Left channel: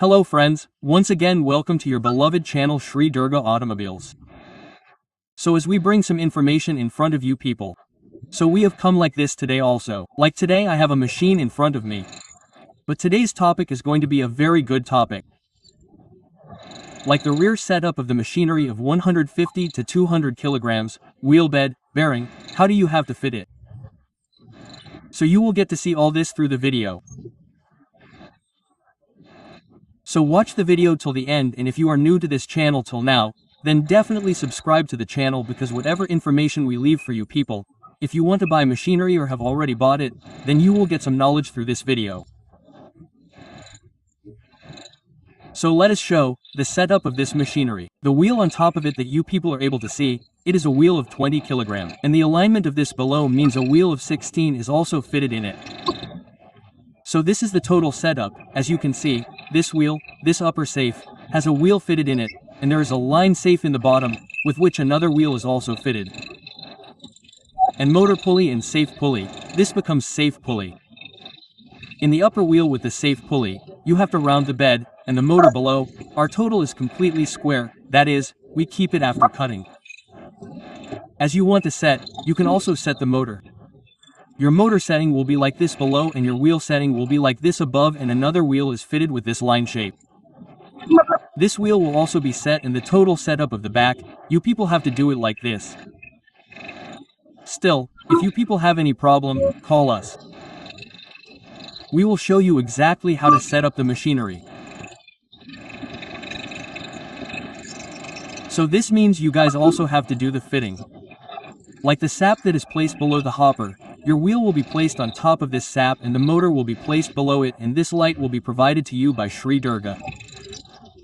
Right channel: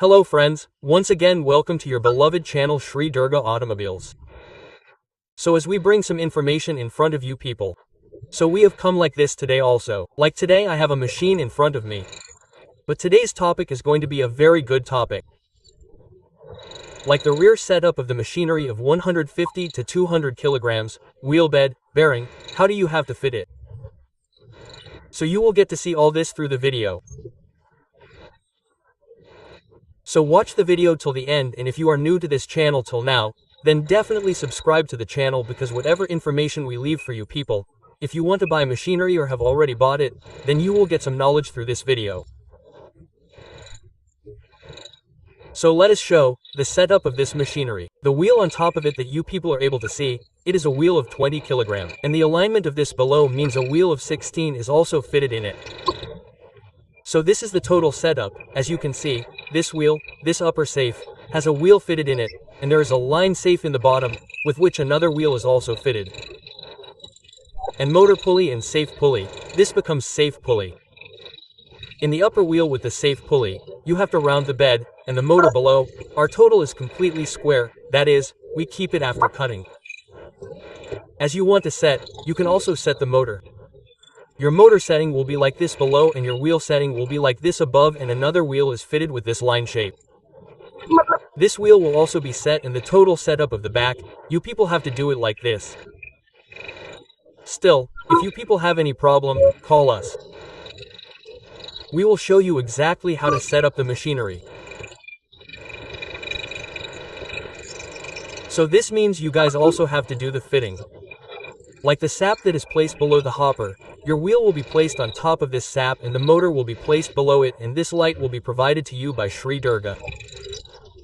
Hello friends, once again welcome to your beloved channel Sri Durga Automobiles. So as we bring some information in front of you people. So we have come like this today also. Like today I have a machine in front of me. But today's topic is going to be a very good topic. Like the rear setup of the machinery of 150 to 200 kilograms, wheel bed, bearing, how do you have to fit it? So you will get to see all this through the video. So watch the video till the end, and if you are new to this channel till now, then definitely subscribe to the channel because whatever information we leave for you people, if you want to buy machinery or have already bought it, then you will get some knowledge through this video. So let us show the setup of this machinery. The wheel on top of it that you people are able to see, it is a wheel of 20 kilograms, and the alignment of this below means a wheel of 16 is also fitted in it. So this is the total setup. As you can see, this wheel, this upper safe, has a wheel fitted in it, and there is a line safe in the bottom, with which another wheel is also fitted. And motor pulley and safe pulley, this becomes safe pulley. In the upper wheel with the safe pulley, you have to round the bed, and the motor below, our total is completely square, that is, we keep it after cutting. As you want to set, you can also set the motor. Your motor setting will be like this below and your wheel setting will be like this above, and another wheel is fitted with this line shape. This wheel will also be set, and the total setup of the back, you people have to do it like this. Still, if you people have any problem, call us. We will show you exactly how to set up the machinery. So this means you guys also have to do the fitting. Like the sap that is placed below the hopper, your wheel will be placed on top of this sap and the motor will be placed below it, and this light will be provided to you by Sri Durga.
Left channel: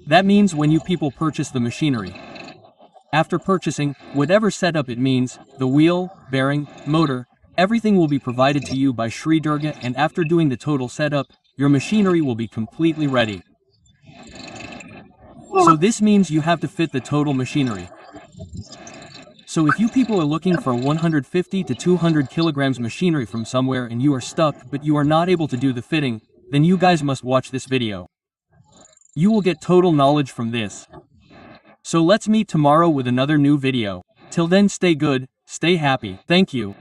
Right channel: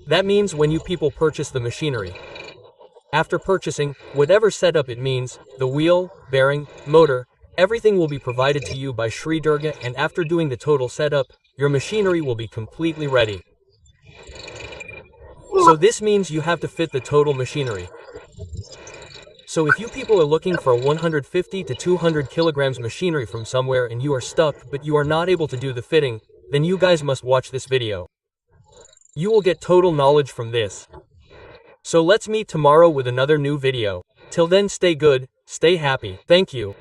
That means when you people purchase the machinery. After purchasing, whatever setup it means, the wheel, bearing, motor, everything will be provided to you by Sri Durga, and after doing the total setup, your machinery will be completely ready. So this means you have to fit the total machinery. So if you people are looking for a 150 to 200 kilograms machinery from somewhere and you are stuck but you are not able to do the fitting, then you guys must watch this video. You will get total knowledge from this. So let's meet tomorrow with another new video. Till then, stay good, stay happy. Thank you.